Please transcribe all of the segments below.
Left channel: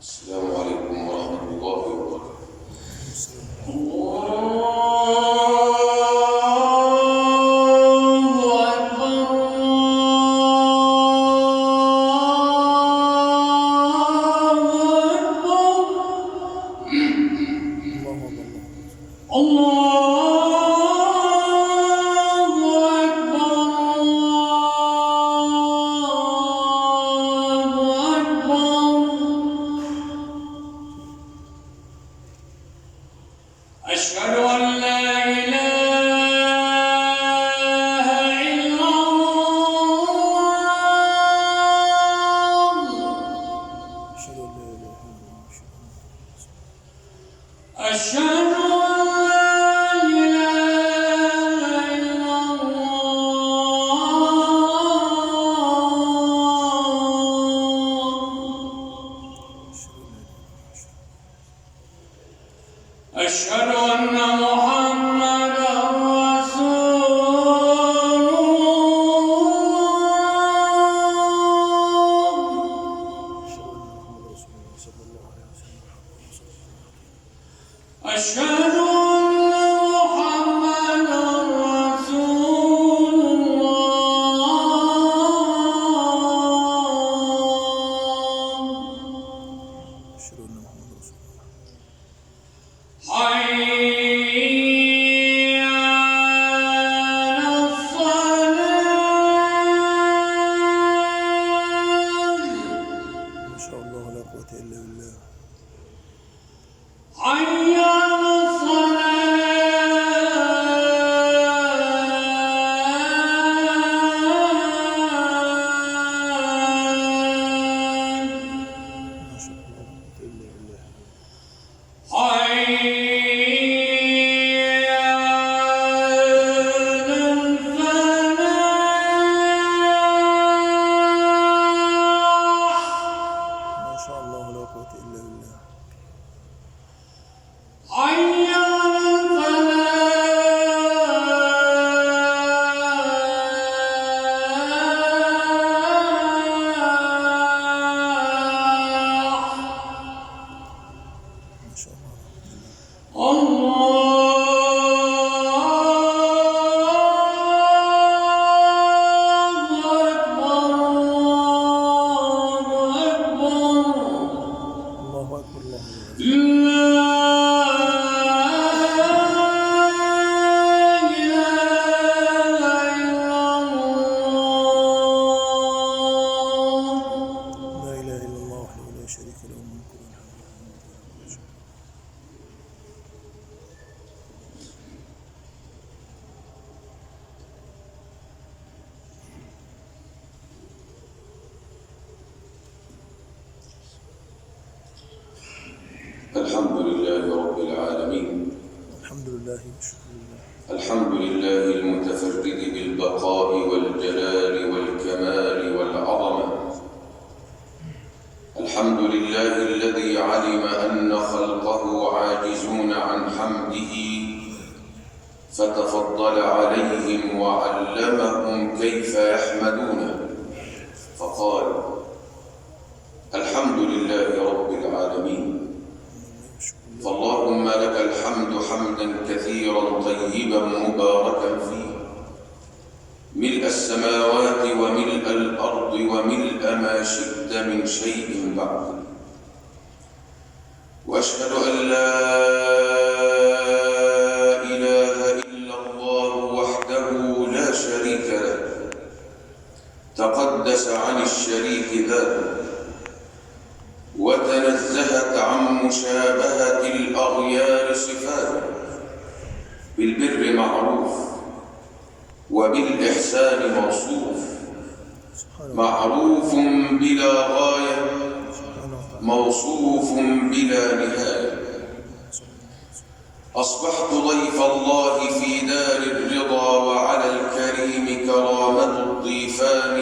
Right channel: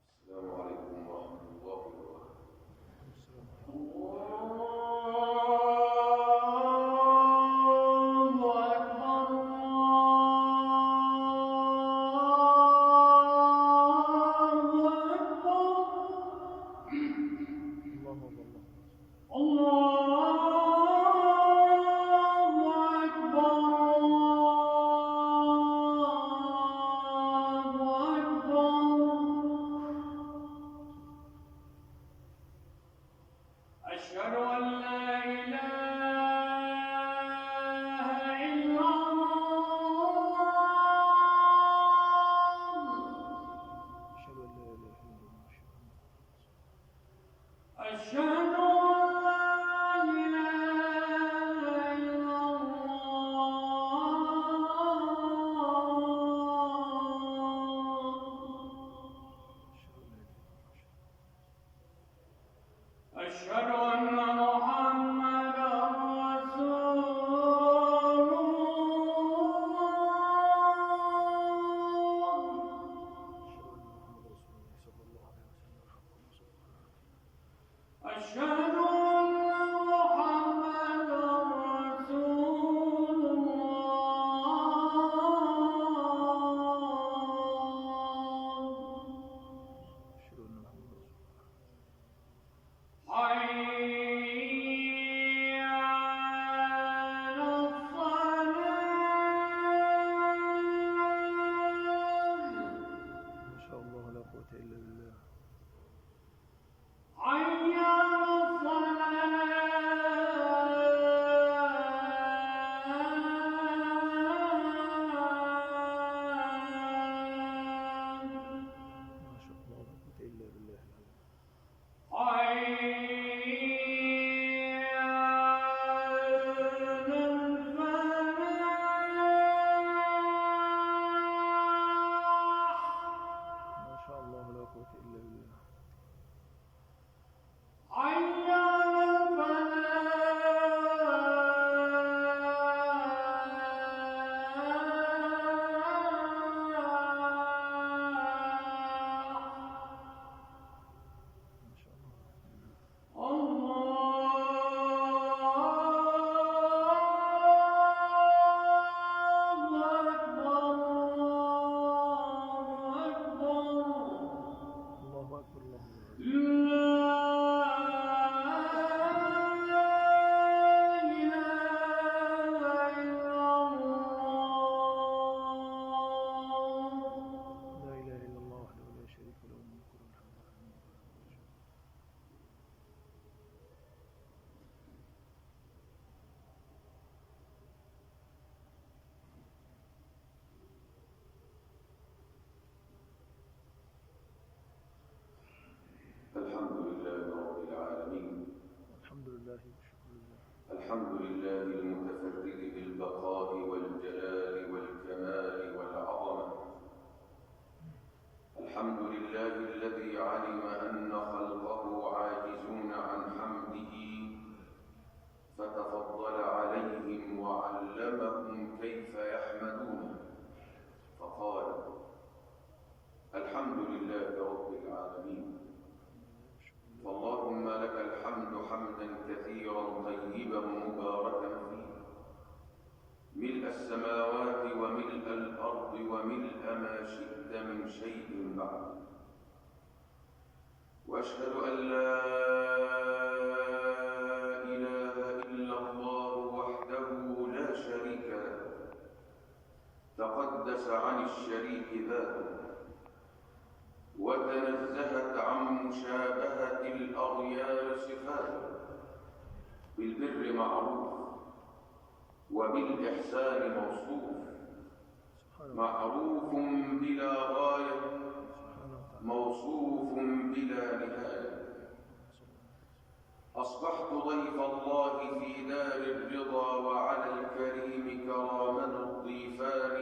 السلام عليكم ورحمة الله وبركاته. أشهد أن لا إله إلا الله. أشهد أن لا إله إلا الله. أشهد أن محمدا رسول الله. أشهد أن محمدا رسول الله. حي على الصلاة. ما شاء الله لا قوة إلا بالله. حي على ما شاء الله لا قوة إلا بالله. حي على الفلاح. ما شاء الله لا قوة إلا بالله. حي على الفلاح. ما شاء الله لا قوة إلا بالله. الله أكبر. الله أكبر الله أكبر. لا إله إلا الله. لا إله إلا الله وحده لا شريك له الملك وله الحمد وله كل شيء. الحمد لله رب العالمين. الحمد لله والشكر لله. الحمد لله المتفرد بالبقاء والجلال والكمال والعظمة. الحمد لله الذي علم أن خلقه عاجزون عن حمده فتفضل عليهم وعلمهم كيف يحمدونه، فقال: الحمد لله رب العالمين. فاللهم لك الحمد حمدا كثيرا طيبا مباركا فيه، ملء السماوات وملء الأرض وملء ما شئت من شيء بعد. وأشهد أن لا إله إلا الله وحده لا شريك له، تقدس عن الشريك ذاته، وتنزهت عن مشابهة الأغيار صفاته. بالبر معروف وبالإحسان موصوف، معروف بلا غاية، موصوف بلا نهاية. أصبحت ضيف الله في دار الرضا، وعلى الكريم كرامة الضيفان.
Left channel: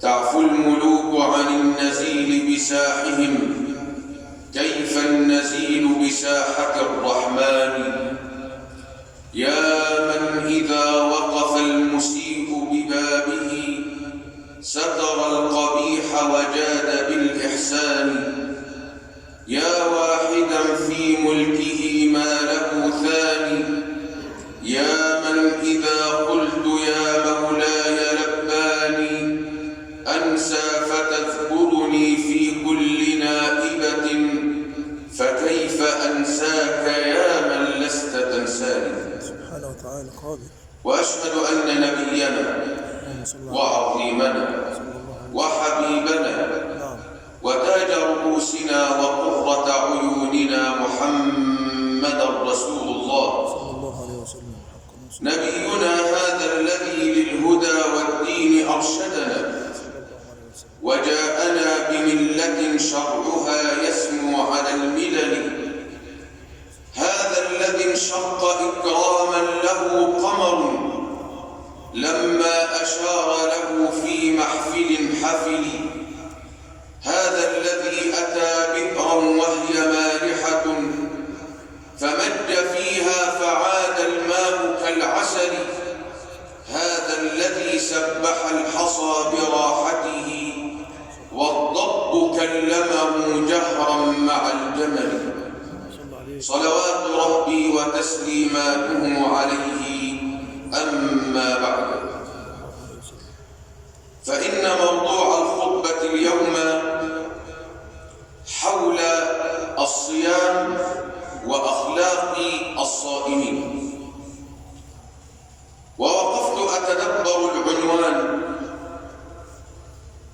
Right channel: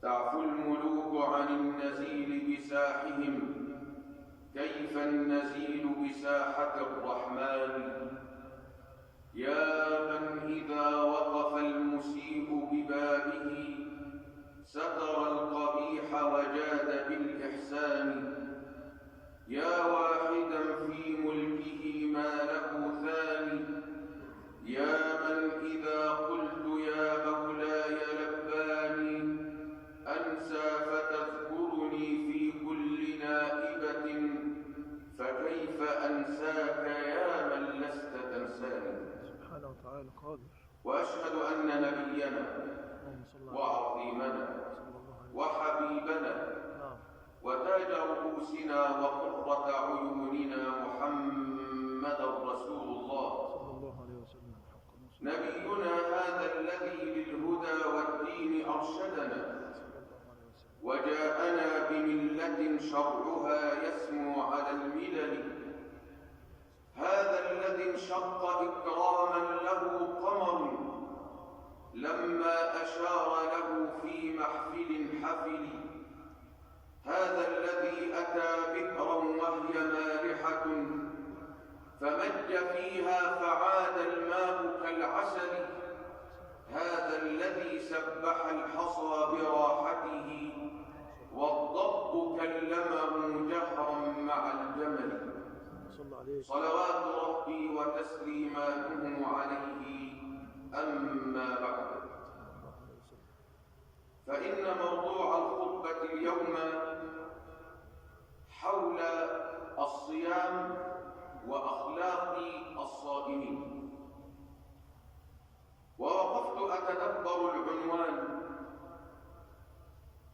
تعفو الملوك عن النزيل بساحهم، كيف النزيل بساحة الرحمن؟ يا من إذا وقف المسيء ببابه ستر القبيح وجاد بالإحسان. وعظيمنا وحبيبنا وتاج رؤوسنا وقرة عيوننا محمدا رسول الله نبينا هذا الذي للهدى والدين أرشدنا وجاءنا بملة شرعها يسمو على الملل هذا الذي انشق إكراما له قمر لما أشار له في محفل حفل هذا الذي أتى بئرا وهي مالحة فمج فيها فعاد الماء كالعسل هذا الذي سبح الحصى براحته والضب كلمه جهرا مع الجمل صلوات ربي وتسليماته عليه أما بعد فإن موضوع الخطبة اليوم حول الصيام وأخلاق الصائمين ووقفت أتدبر العنوان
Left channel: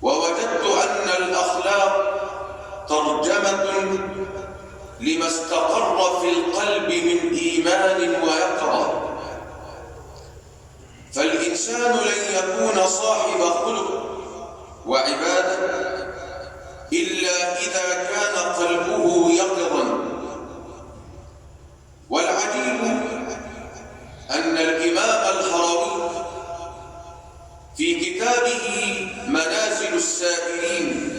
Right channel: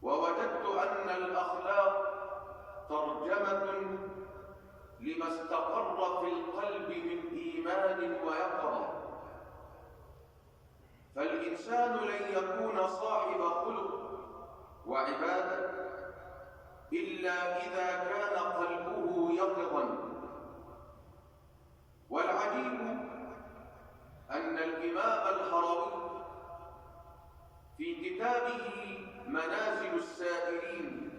ووجدت أن الأخلاق ترجمة لما استقر في القلب من إيمان ويقظة فالإنسان لن يكون صاحب خلق وعبادة إلا إذا كان قلبه يقظا والعجيب أن الإمام الهروي في كتابه منازل السائرين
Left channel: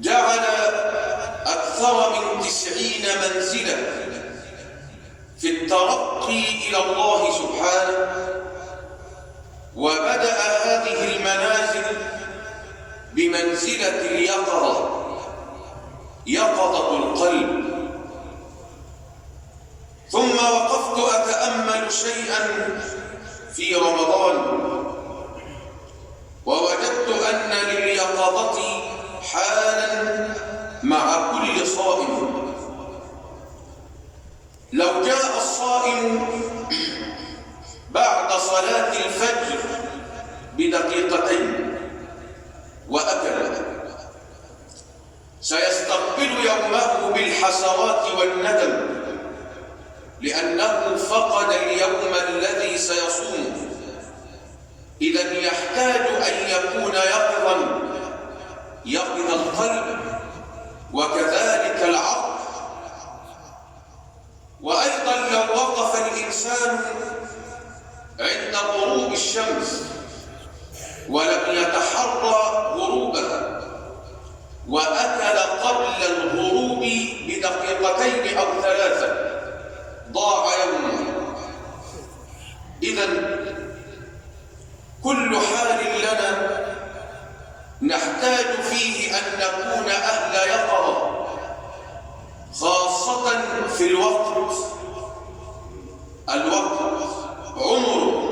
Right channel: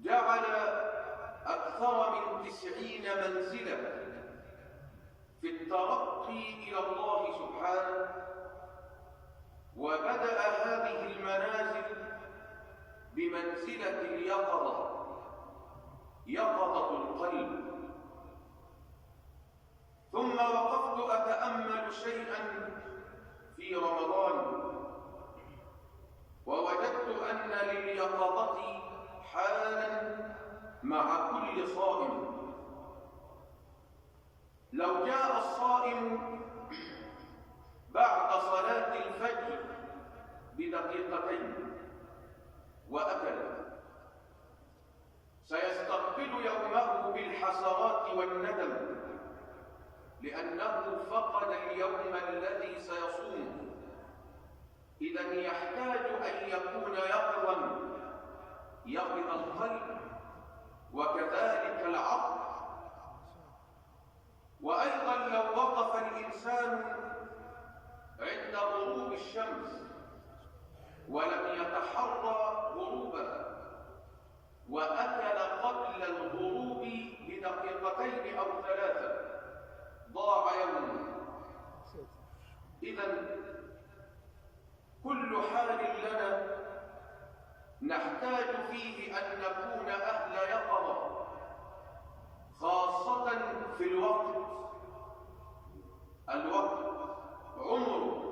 جعل أكثر من 90 منزلة في الترقي إلى الله سبحانه وبدأ هذه المنازل بمنزلة اليقظة يقظة القلب ثم وقفت أتأمل شيئا في رمضان ووجدت أن لليقظة حالا مع كل صائم لو جاء الصائم بعد صلاة الفجر بدقيقتين وأكل سيستقبل يومه بالحسرات والندم لأنه فقد اليوم الذي سيصوم إذن يحتاج أن يكون يقظ القلب وكذلك العقل وأيضا لو وقف الإنسان عند غروب الشمس ولم يتحرى غروبها وأكل قبل الغروب بدقيقتين أو 3 ضاع يومه إذن كل حال لنا نحتاج فيه أن نكون أهل يقظة خاصة في الوقت عمر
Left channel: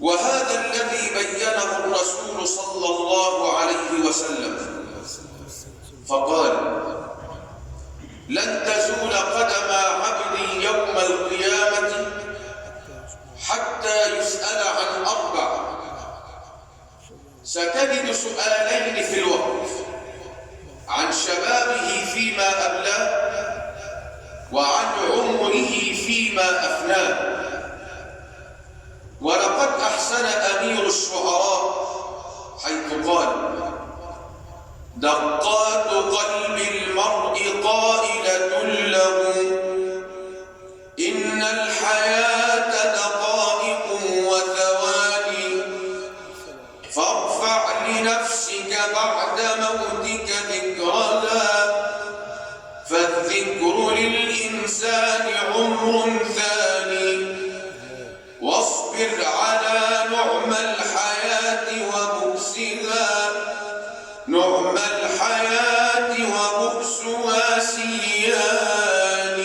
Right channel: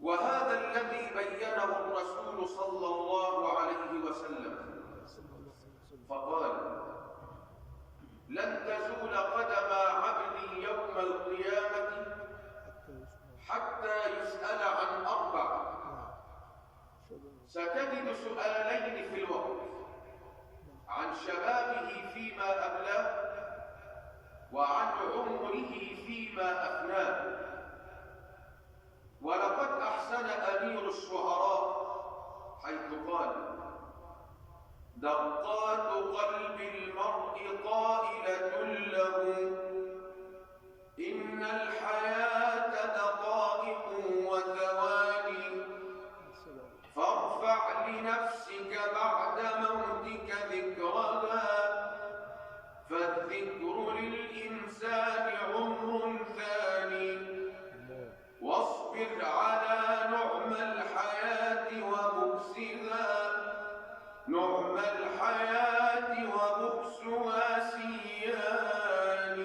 وهذا الذي بينه الرسول صلى الله عليه وسلم فقال لن تزول قدم عبد يوم القيامة حتى يسأل عن 4 ستجد سؤالين في الوقت عن شبابه فيما أبلاه وعن عمره فيما أفناه ولقد أحسن أمير الشعراء حيث قال دقات قلب المرء قائلة له إن الحياة دقائق وثواني فارفع لنفسك بعد موتك ذكرها فالذكر للإنسان عمر ثاني واصبر على نعم الحياة وبؤسها نعم الحياة وبؤسها سيان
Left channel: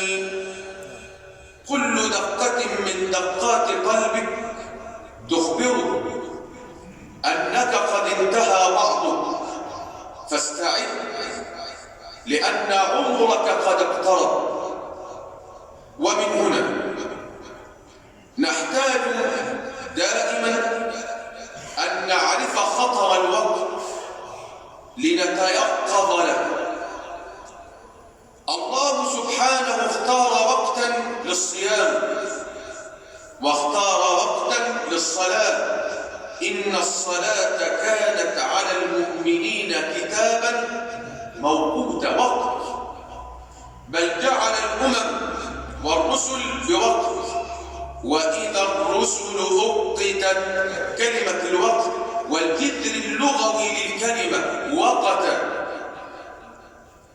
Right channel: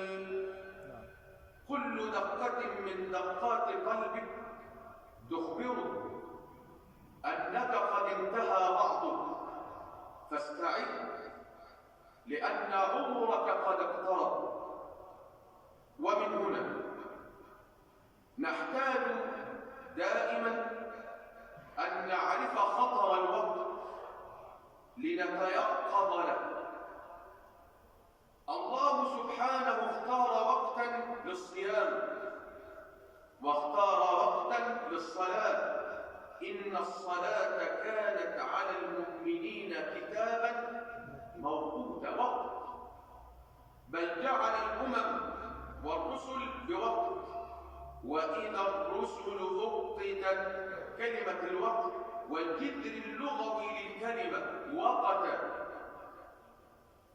كل دقة من دقات قلبك تخبرك أنك قد انتهى بعضك فاستعد لأن عمرك قد اقترب ومن هنا نحتاج دائما إن الصلاة كانت على المؤمنين كتابا موقوتا، وقت، بل جعل الأمم والرسل بوقت. وإذا الرسل أقتت، كلمة الوقت والجذر اللغوي للكلمة وقتا.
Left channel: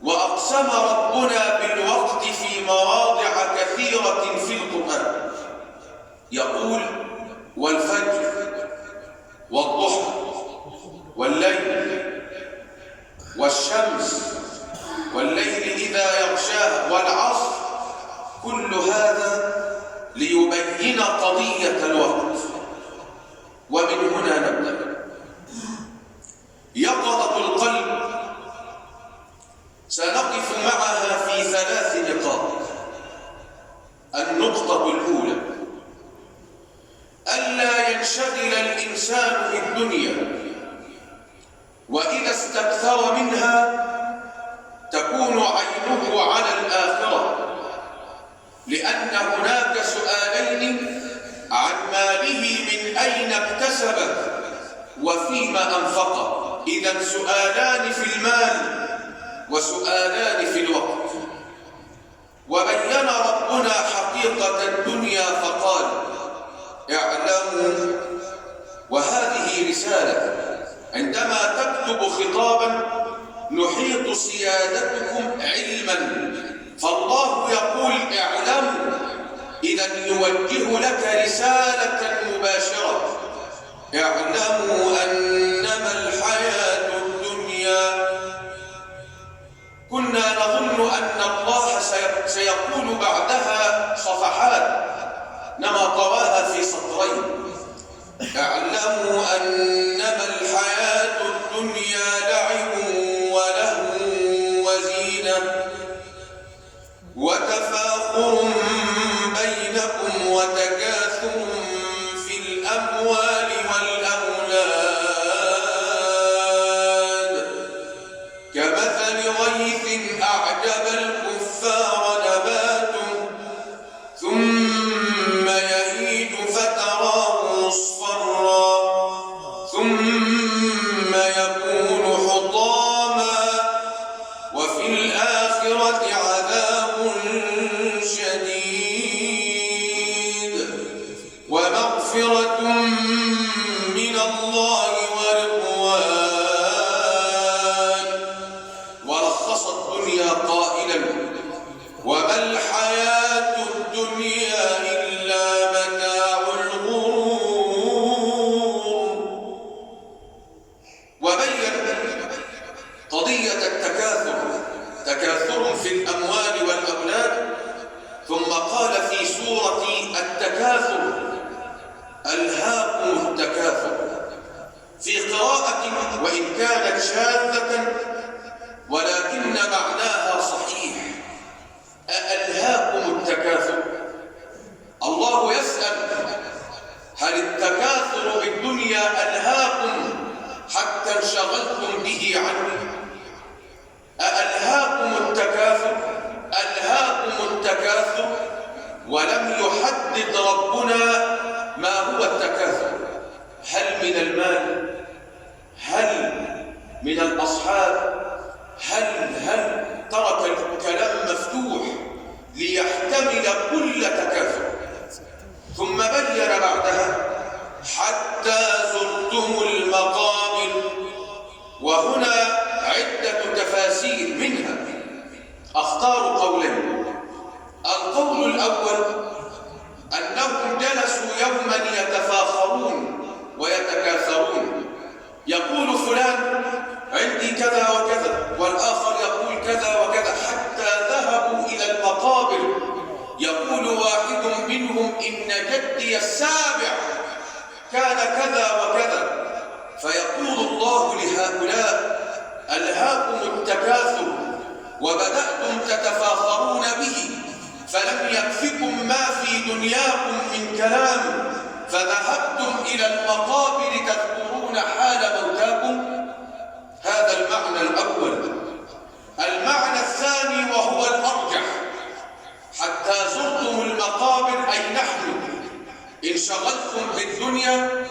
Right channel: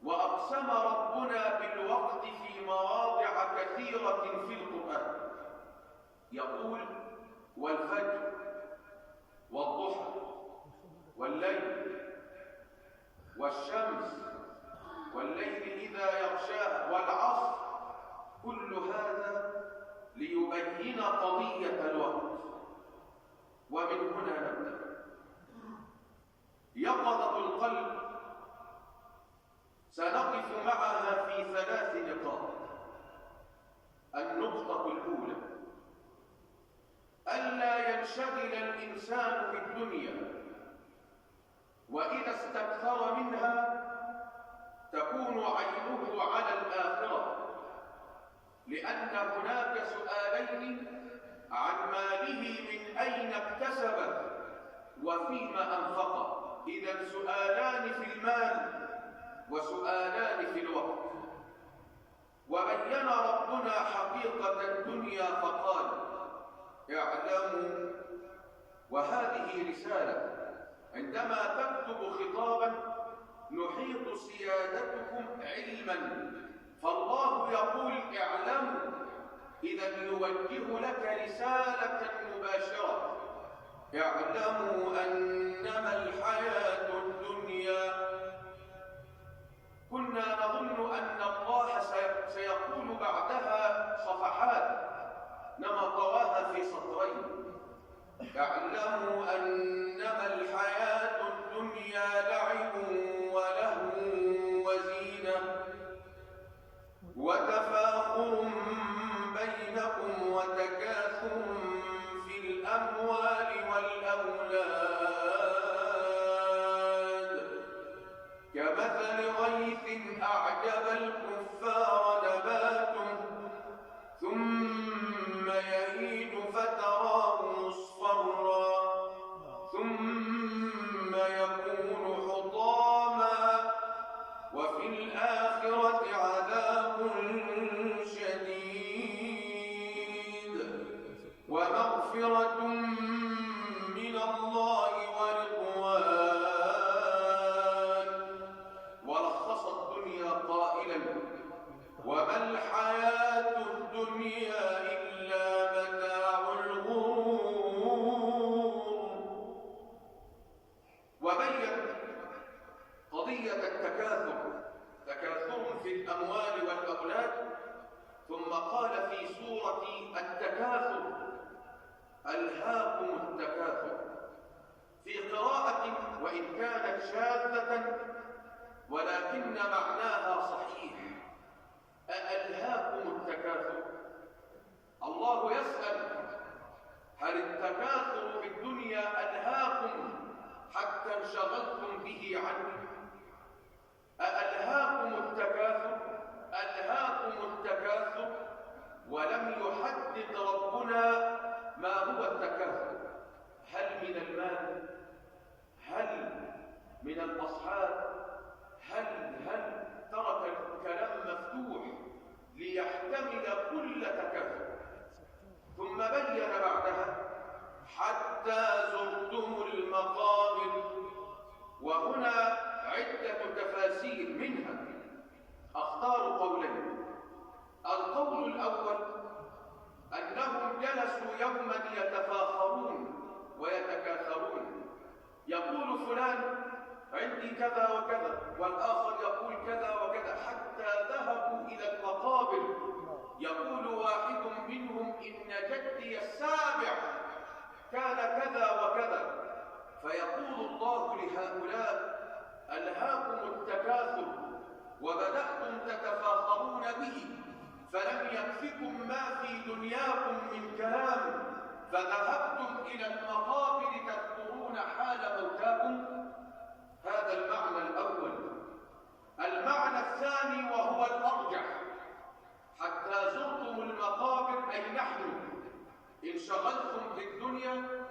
وأقسم ربنا بالوقت في مواضع كثيرة في القرآن، يقول: والفجر والضحى والليل والشمس والليل إذا يغشاها والعصر. كل هذا ليبين قضية الوقت. ومن هنا نبدأ. يقظة القلب سنقف معها في 3 نقاط. النقطة الأولى: ألا ينشغل الإنسان بالدنيا، وإذا استكثر منها تكون عينه على الآخرة، لأن هناك سؤالين عن ماله من أين اكتسبه وفيما أنفقه. إذن سؤالان في المال وسؤالان في الوقت. وبين ربنا حقيقة الدنيا فقال: اعلموا. وهذه رسالة، عندما تكتب خطابا نحيط سيادتكم علما، فالله يقول اعلموا، إذن يوجه لك رسالة مباشرة: اعلموا أنما الحياة الدنيا. كنا نظن أن الله سيقول بعدها صفحات، نما طواها في سطرين: اعلموا أنما الحياة الدنيا لعب ولهو وزينة وتفاخر بينكم وتكاثر في الأموال والأولاد كمثل غيث أعجب الكفار نباته ثم يهيج فتراه مصفرا ثم يكون حطاما وفي الآخرة عذاب شديد ومغفرة من الله ورضوان. ولخص الدنيا قائلا: وما الحياة الدنيا إلا متاع الغرور. وبين قضية تكاثر في الأموال والأولاد، ثم قال في سورة التكاثر: ألهاكم التكاثر. في قراءة وإن كانت شاذة ولكن معناها صحيح: ألهاكم التكاثر. الله يسأل: هل التكاثر بالدنيا ألهاكم حتى انشغلتم به عني؟ ألهاكم التكاثر؟ ألهاكم التكاثر؟ ولم يحدد ربنا ما هو التكاثر. هل من المال؟ هل من الأصحاب؟ هل ترك الكلام مفتوح ليحتمل كل تكاثر. ثم بين بعدها: حتى زرتم المقابر. وهنا عدة تفاسير، منها أختار قولين. القول الأول أنهم جلسوا يوما يتفاخرون ويتكاثرون، يقول فلان عندي كذا وكذا، والآخر يقول كذا وكذا، حتى ذهبوا إلى المقابر. يقول واحد منهم: إن جدي السابع كان كذا وكذا. فيقول الله لهؤلاء: ألهاكم التكاثر وبدأتم تتفاخرون به، فلم يكفكم ما في دنياكم من كلام، فذهبتم إلى المقابر تذكرون حال موتاكم. هذا المعنى الأول. المعنى الثاني وهو الأرجح: حتى زرتم المقابر، أي نحن انشغلتم بالدنيا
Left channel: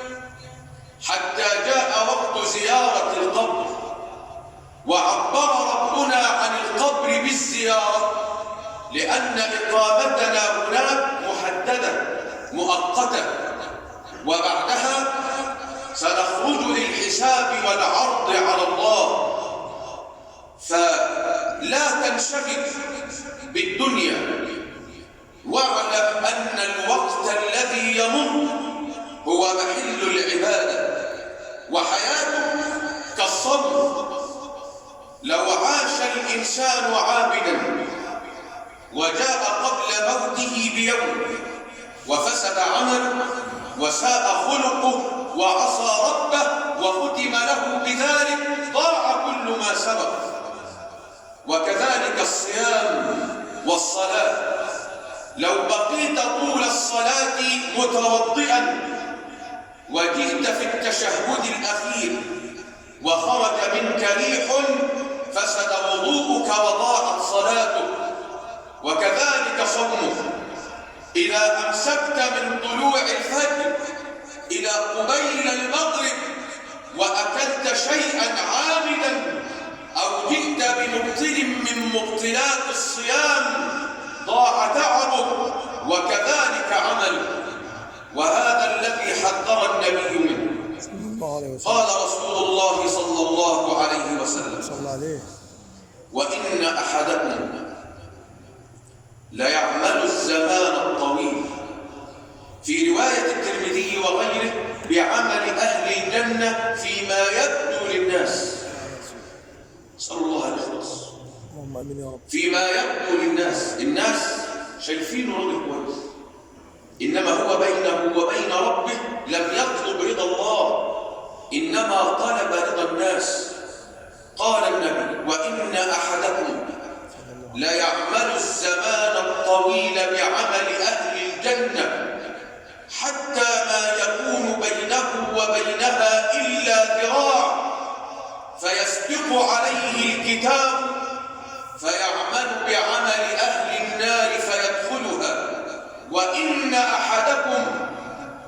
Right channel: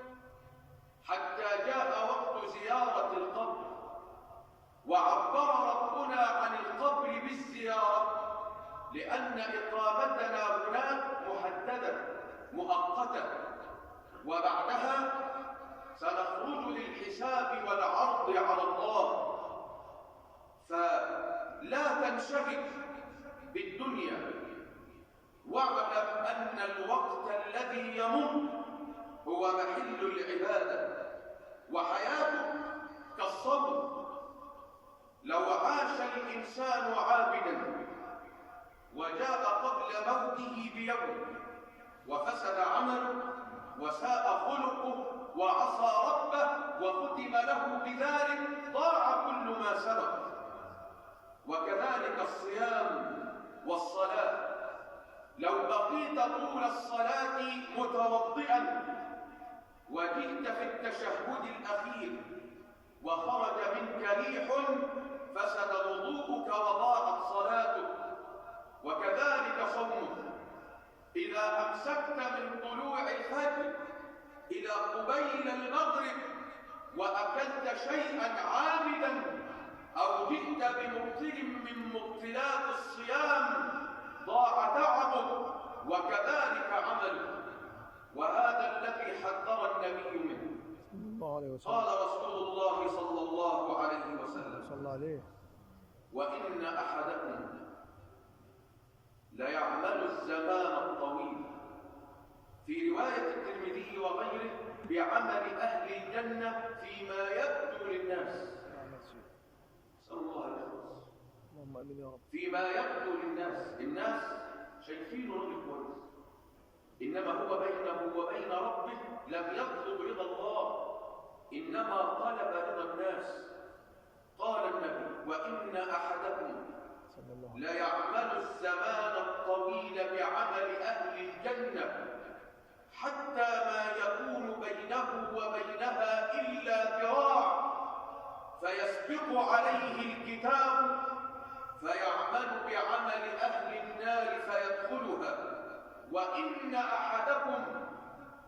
أن إقامتنا هناك محددة مؤقتة، وبعدها سنخرج للحساب والعرض على الله. فلا تنشغل بالدنيا، واعلم أن الوقت الذي يمر هو محل العبادة، وحياته كالصبر. لو عاش الإنسان عابدا وجاء قبل موته بيوم وفسد عمله وساء خلقه وعصى ربه وختم له بذلك، ضاع كل ما سبق. وكذلك الصيام والصلاة، لو بقيت طول الصلاة متوضئا وجئت في التشهد الأخير وخرج منك ريح، فسد وضوءك وضاعت صلاتك. وكذلك صومك، إذا أمسكت من طلوع الفجر إلى قبيل المغرب وأكلت شيئا عامدا أو جئت بمبطل من مبطلات الصيام، ضاع تعبك وكذلك عملك. وهذا الذي حذر النبي منه. قال رسول الله صلى الله عليه وسلم: وإن أحدكم ليعمل الزمان الطويل، في رواية الترمذي وغيره، بعمل أهل الجنة فيما يبدو للناس. نسأل الله الإخلاص. اللهم آمين يا رب. فيما يبدو للناس، الناس شايفينه راجل كويس، إنما هو بينه وبين ربه لم يطلب رضا الله، إنما طلب رضا الناس. قال النبي: وإن أحدكم ليعمل الزمان الطويل بعمل أهل الجنة حتى ما يكون بينه وبينها إلا ذراع، فيسبق عليه الكتاب فيعمل بعمل أهل النار فيدخلها. وإن أحدكم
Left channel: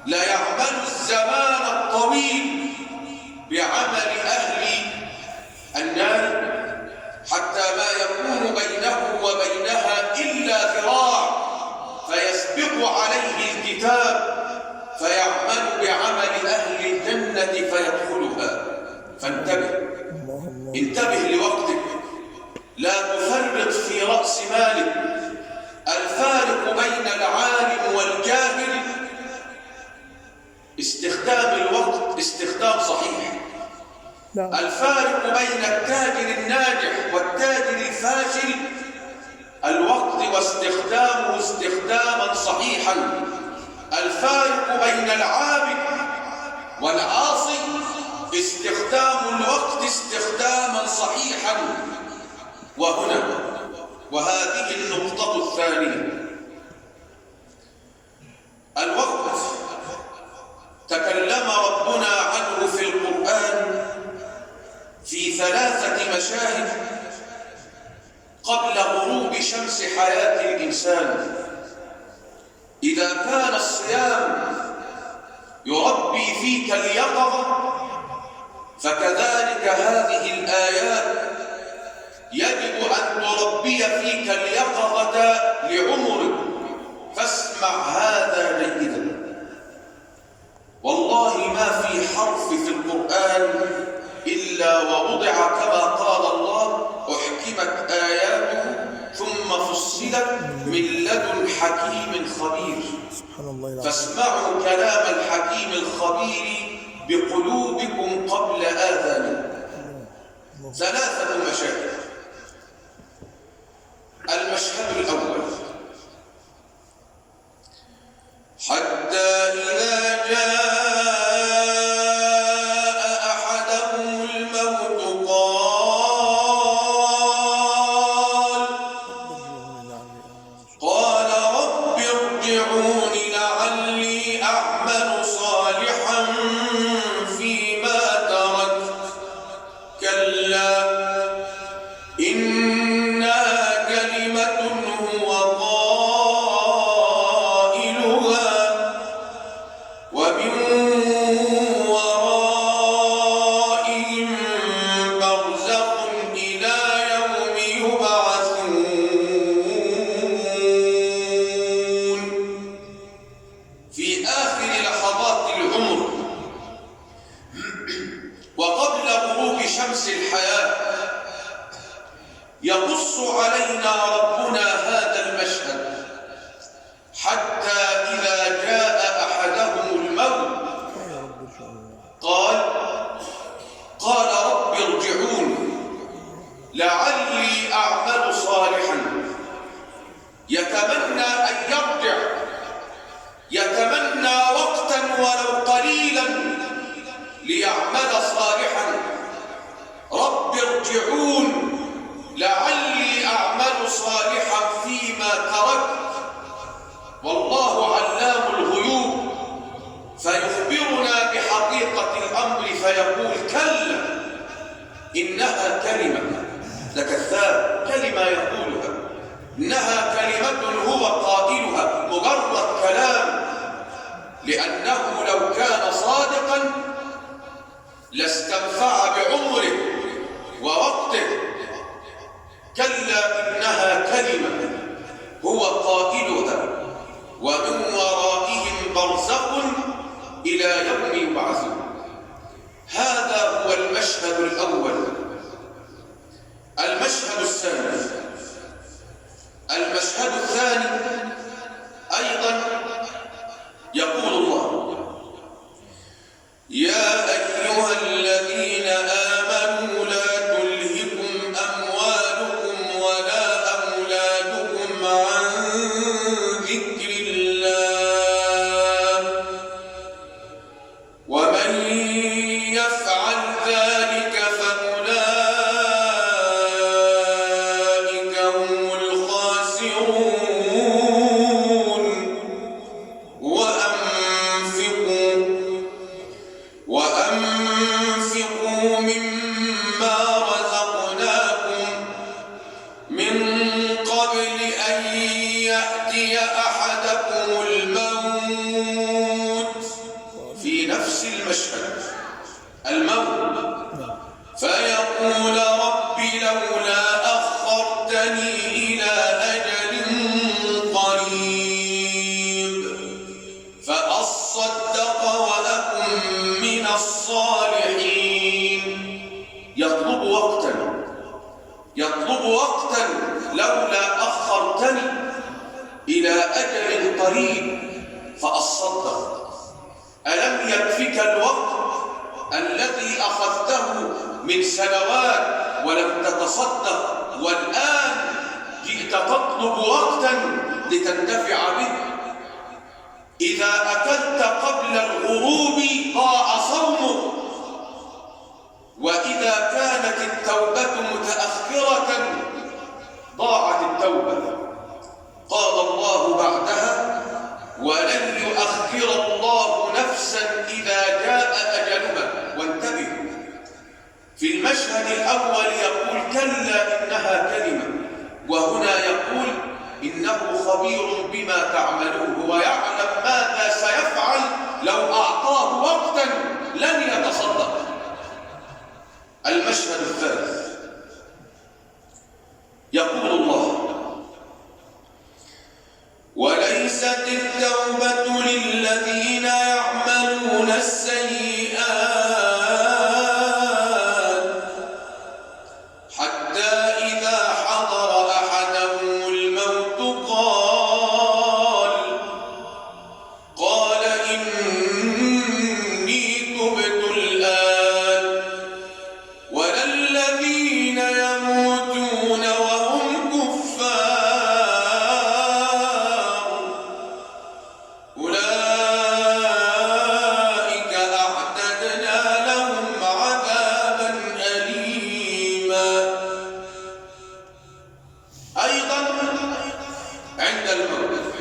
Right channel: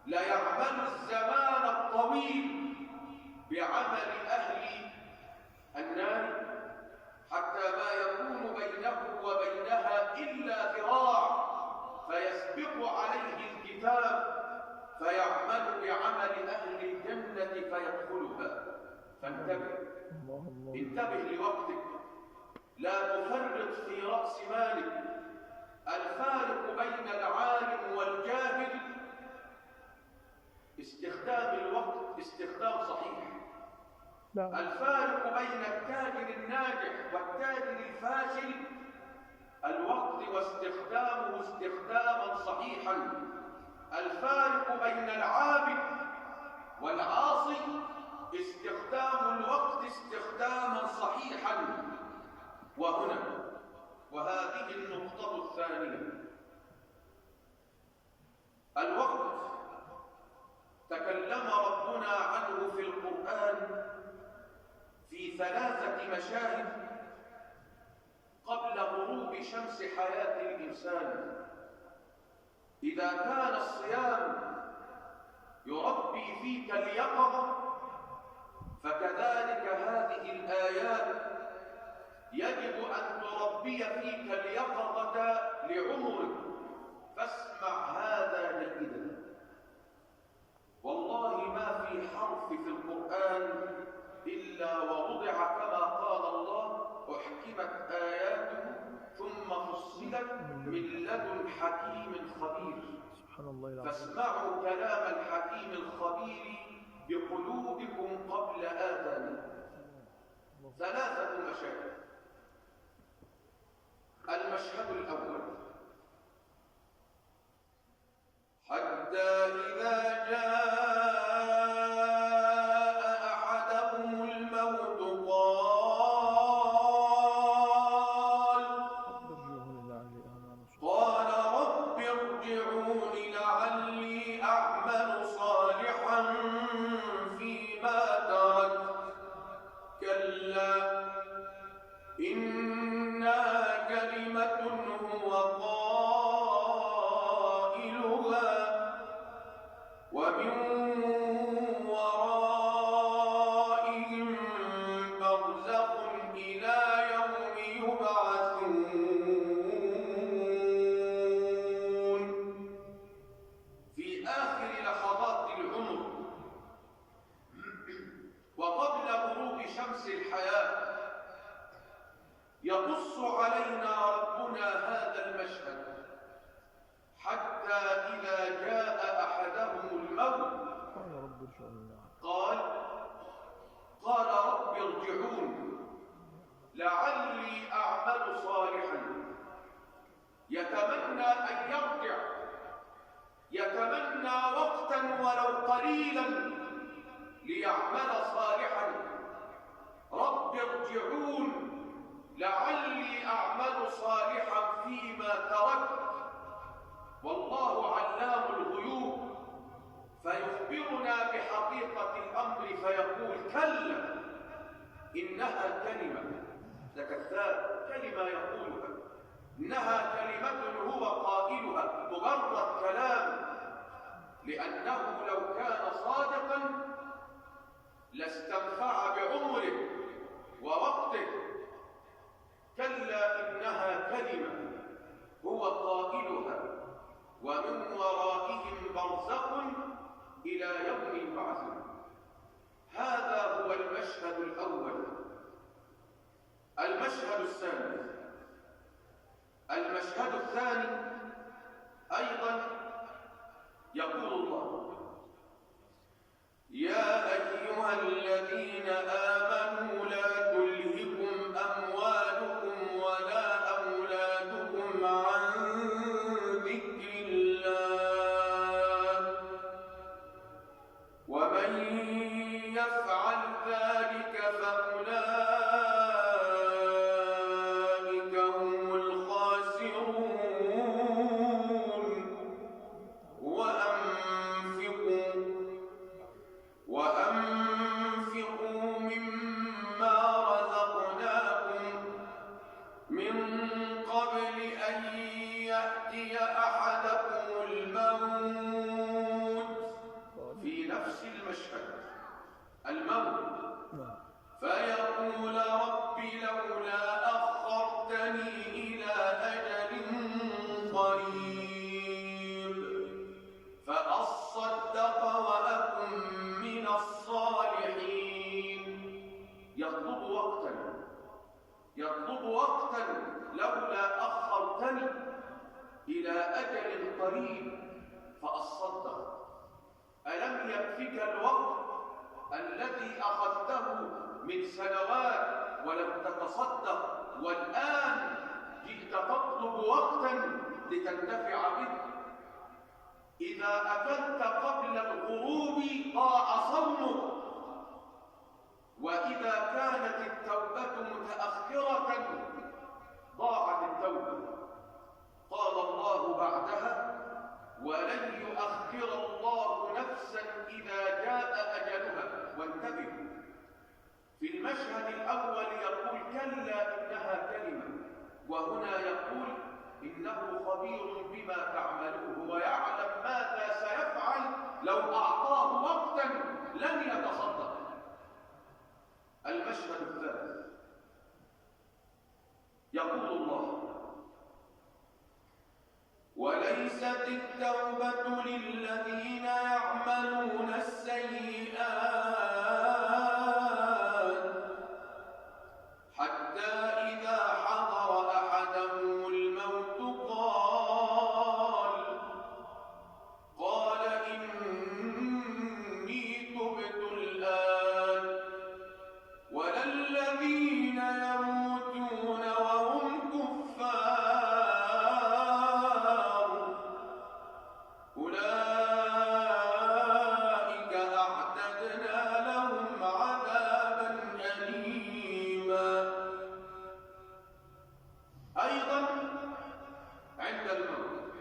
ليعمل الزمان الطويل بعمل أهل النار حتى ما يكون بينه وبينها إلا ذراع، فيسبق عليه الكتاب فيعمل بعمل أهل الجنة فيدخلها. فانتبه، انتبه لوقتك، لا تفرط في رأس مالك. الفارق بين العالم والجاهل استخدام الوقت استخدام صحيح. الفارق بين التاجر الناجح والتاجر الفاشل الوقت واستخدامه استخداما صحيحا. الفارق بين العابد والعاصي استخدام الوقت استخداما صحيحا. وهذه النقطة الثانية، الوقت تكلم ربنا عنه في القرآن في 3 مشاهد قبل غروب شمس حياة الإنسان. إذا كان الصيام يربي فيك اليقظة، فكذلك هذه الآيات يجب أن تربي فيك اليقظة لعمرك. فاسمع هذا جيدا، والله ما في حرف في القرآن إلا ووضع كما قال الله: أحكمت آياته ثم فصلت من لدن حكيم خبير. سبحان الله. فاسمعوا كلام الحكيم الخبير بقلوبكم قبل آذانكم. 3 مشاهد. المشهد الأول: حتى إذا جاء أحدهم الموت قال رب ارجعون لعلي أعمل صالحا فيما تركت كلا إنها كلمة هو قائلها ومن ورائهم برزخ إلى يوم يبعثون. يقص علينا ربنا هذا المشهد حتى إذا جاء أحدهم الموت قال رب ارجعون لعلي أعمل صالحا. يتمنى أن يرجع، يتمنى وقتا ولو قليلا ليعمل صالحا. رب ارجعون لعلي أعمل صالحا فيما تركت. والله علام الغيوب فيخبرنا بحقيقة الأمر فيقول كلا إنها كلمة، ده كذاب، كلمة يقولها، إنها كلمة هو قائلها، مجرد كلام، لأنه لو كان صادقا لاستنفع بعمره ووقته. كلا إنها كلمة هو قائلها ومن ورائهم برزخ إلى يوم يبعثون. هذا هو المشهد الأول. المشهد الثاني، المشهد الثاني أيضا يقول الله يا أيها الذين آمنوا لا تلهكم أموالكم ولا أولادكم عن ذكر الله ومن يفعل ذلك فأولئك هم الخاسرون. وأنفقوا مما رزقناكم من قبل أن يأتي أحدكم الموت، في نفس المشهد الموت، فيقول رب لولا أخرتني إلى أجل قريب فأصدق وأكن من الصالحين. يطلب وقتا لولا أخرتني إلى أجل قريب فأصدق. ألم يكفك الوقت الذي أخذته من سنوات ولم تتصدق، والآن جئت تطلب وقتا لتنتفع به؟ إذا أكلت قبل الغروب ضاع صومك، وإذا كانت التوبة متأخرة ضاعت التوبة. قال الله بعدها ولن يؤخر الله نفسا إذا جاء أجلها. وانتبهوا، في المشهد الأول يقول كلا إنها كلمة، وهنا يقول إنه خبير بما تعملون ويعلم ماذا سيفعل لو أعطاه وقتا لن يتصدق. المشهد الثالث يقول الله وليست التوبة للذين يعملون السيئات حتى إذا حضر أحدهم الموت قال إني تبت الآن ولا الذين يموتون وهم كفار أولئك أعتدنا لهم عذابا أليما. أيضا عند الموت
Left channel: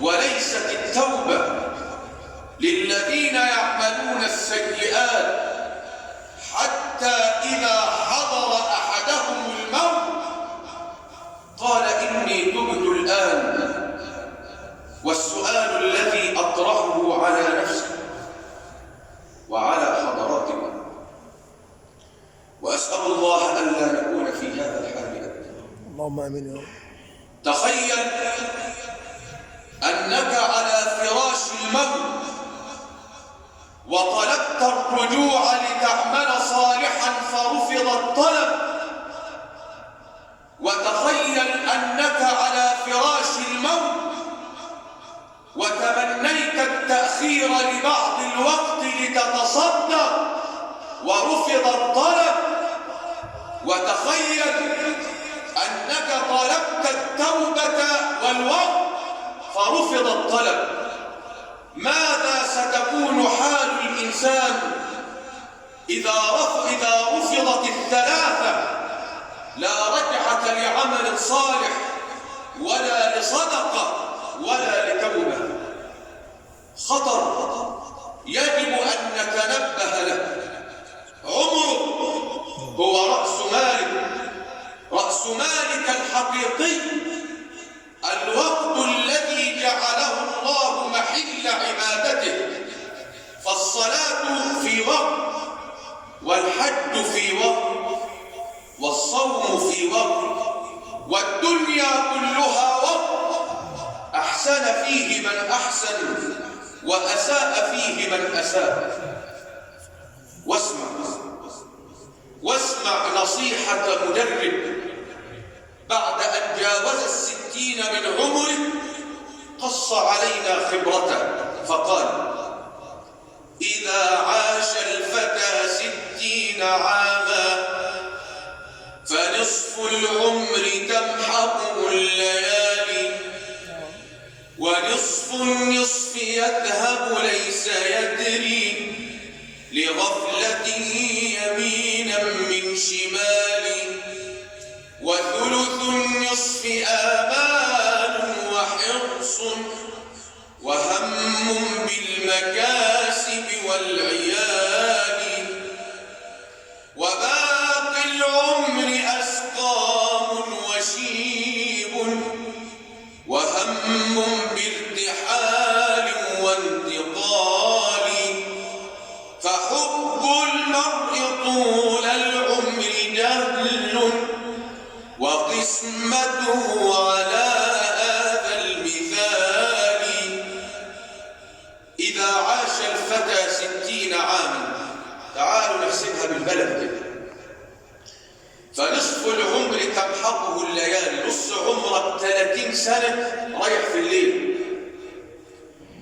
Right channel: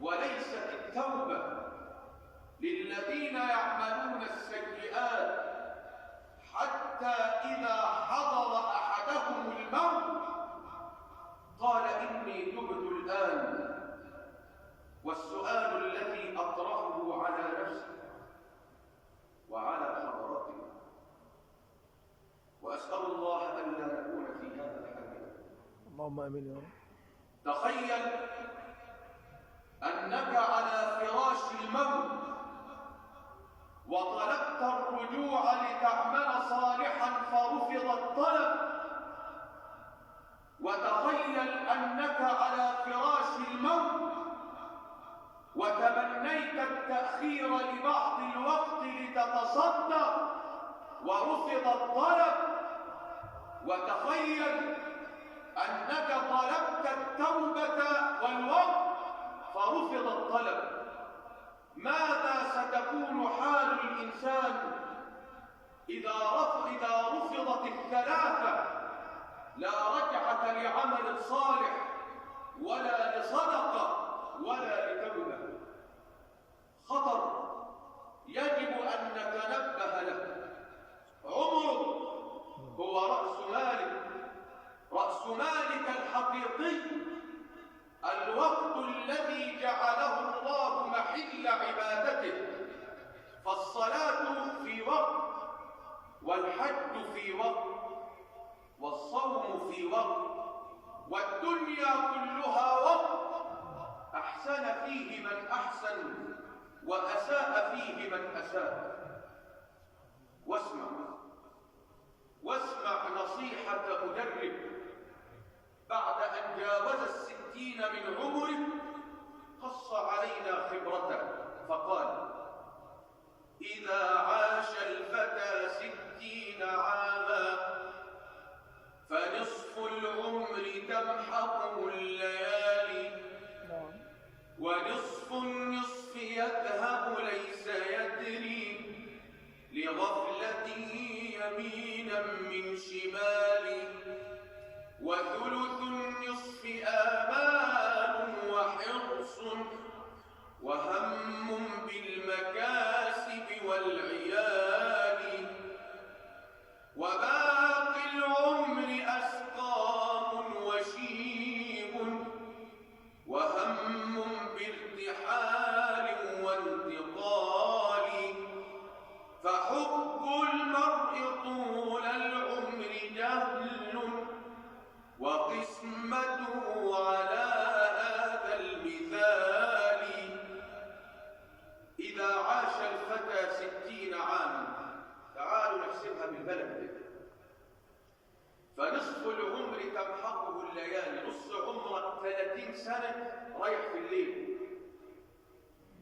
وليست التوبة للذين يعملون السيئات حتى إذا حضر أحدهم الموت قال إني تبت الآن. والسؤال الذي أطرحه على نفسي وعلى حضراتكم، وأسأل الله ألا نكون في هذا الحال أبدا. اللهم آمين يا رب. تخيل أنك على فراش الموت وطلبت الرجوع لتعمل صالحا فرفض الطلب، وتخيل أنك طلبت التوبة والوقت فرفض الطلب، ماذا ستكون حال الإنسان إذا رفضت الثلاثة؟ لا رجعة لعمل صالح ولا لصدقة ولا لتوبة. خطر يجب أن نتنبه له. عمرك هو رأس مالك، رأس مالك الحقيقي الوقت الذي جعله الله محل عبادته. فالصلاة في وقت، والحج في وقت، والصوم في وقت، والدنيا كلها وقت. أحسن فيه من أحسن وأساء فيه من أساء. واسمع نصيحة مدرب بعد أن جاوز 60 من عمره، قص علينا خبرته فقال: إذا عاش الفتى 60 عاما فنصف العمر تمحقه الليالي، ونصف النصف يذهب ليس يدري، لغفلته يمينا من شمال، وثلث النصف آمال وحرص وهم بالمكاسب والعيال، وباقي العمر أسقام وشيب، وهم بارتحال وانتقال، فحب المرء طول العمر جهل، وقسمته على هذا المثال. إذا عاش الفتى 60 عاما، تعالوا نحسبها بالبلد كده، فنصف العمر تمحقه الليالي، نص عمرك 30 سنة رايح في الليل،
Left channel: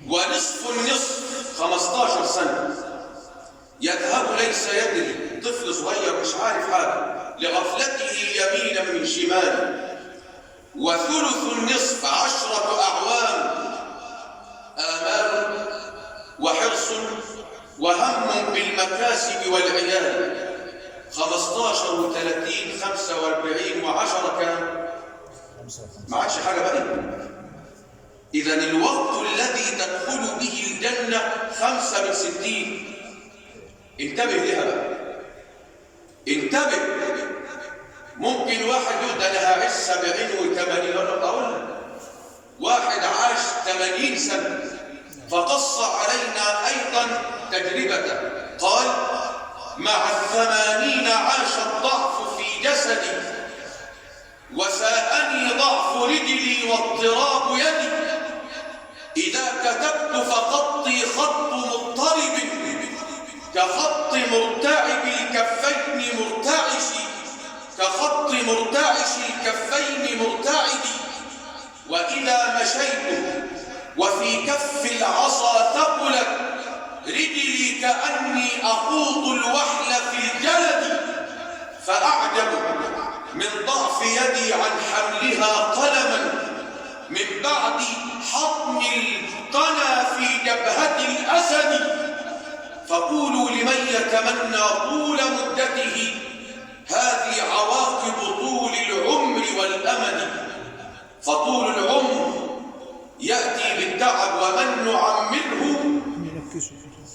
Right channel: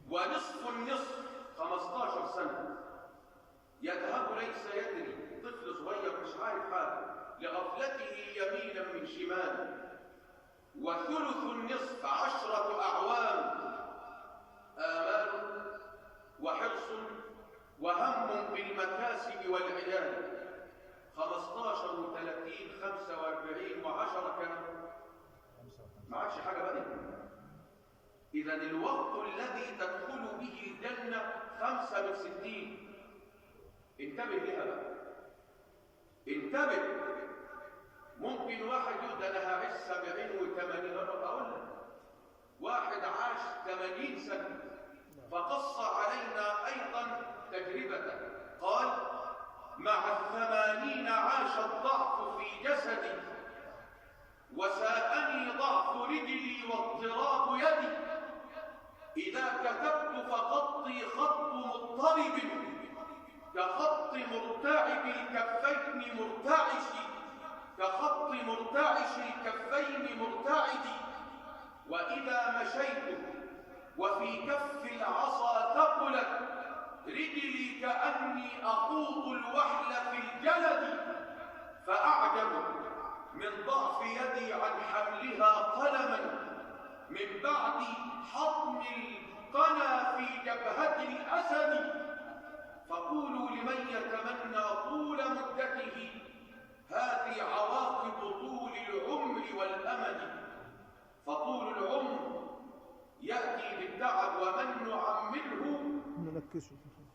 ونصف النصف 15 سنة يذهب ليس يدري، طفل صغير مش عارف حاجة، لغفلته يمينا من شمال، وثلث النصف 10 أعوام، آمال وحرص وهم بالمكاسب والعيال، 15 و30 45 و10 كام؟ ما عادش حاجة بقى. إذن الوقت الذي تدخل به الجنة 5 من 60. انتبه لها بقى، انتبه. ممكن واحد يقول ده انا هعيش 70 و80، اقول لك واحد عاش 80 سنة فقص علينا ايضا تجربته، قال: مع 80 عاش الضعف في جسدي، وساءني ضعف رجلي واضطراب يدي، إذا كتبت فخطي خط مضطرب، كخط مرتعب الكفين مرتعش، كخط مرتعش الكفين مرتعد، وإذا مشيت وفي كف العصا ثقلت رجلي كأني أخوض الوحل في الجلد، فأعجب من ضعف يدي عن حملها قلما، من بعد حطم القنا في جبهة الأسد. فقولوا لمن يتمنى طول مدته، هذه عواقب طول العمر والأمد. فطول العمر يأتي بالتعب، ومن نعمره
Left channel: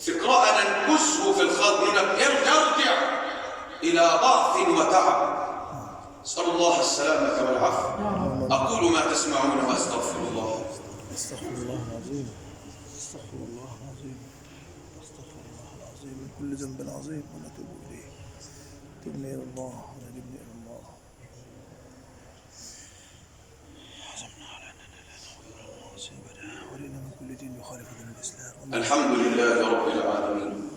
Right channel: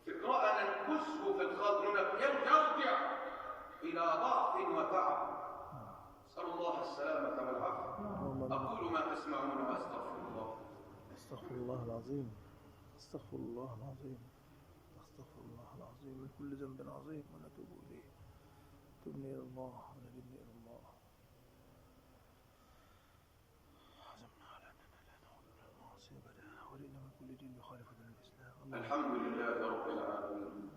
فقراء ننكسه في الخلق، يرجع إلى ضعف وتعب. أسأل الله السلامة والعافية. أقول ما تسمعون وأستغفر الله. استغفر الله العظيم، استغفر الله العظيم، استغفر الله العظيم من كل ذنب عظيم، ونتوب إليه. تبني إلى الله ونجبني إلى الله. عزمنا على أننا لا نغفر المعاصي أبدا، ولنا من كل دين يخالف دين الإسلام. الحمد لله رب العالمين،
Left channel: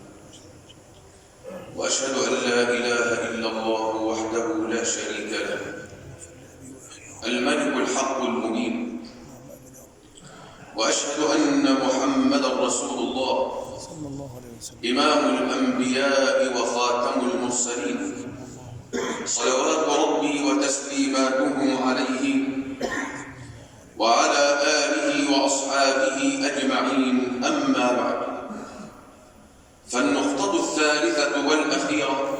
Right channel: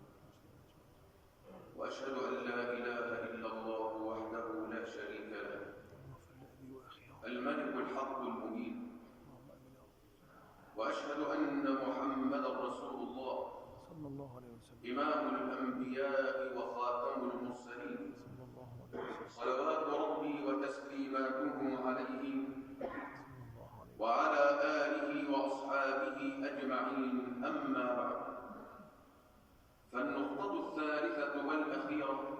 وأشهد أن لا إله إلا الله وحده لا شريك له، الملك الحق المبين، وأشهد أن محمدا رسول الله صلى الله عليه وسلم، إمام الأنبياء وخاتم المرسلين، صلوات وعلى آله وأصحابه أجمعين، أما بعد، فالنقطة الثالثة والأخيرة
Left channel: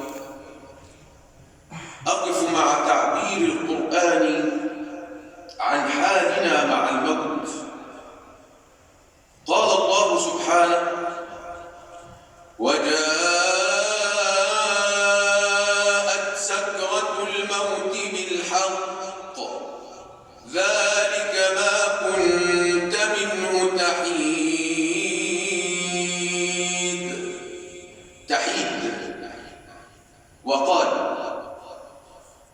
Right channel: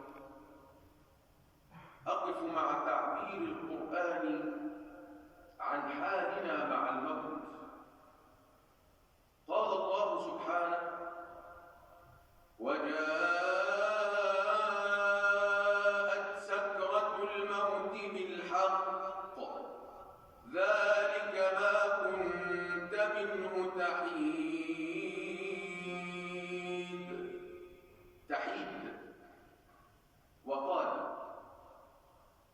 أقف مع تعبير القرآن عن حالنا مع الموت. قال الله سبحانه: وجاءت سكرة الموت بالحق ذلك ما كنت منه تحيد. وقال:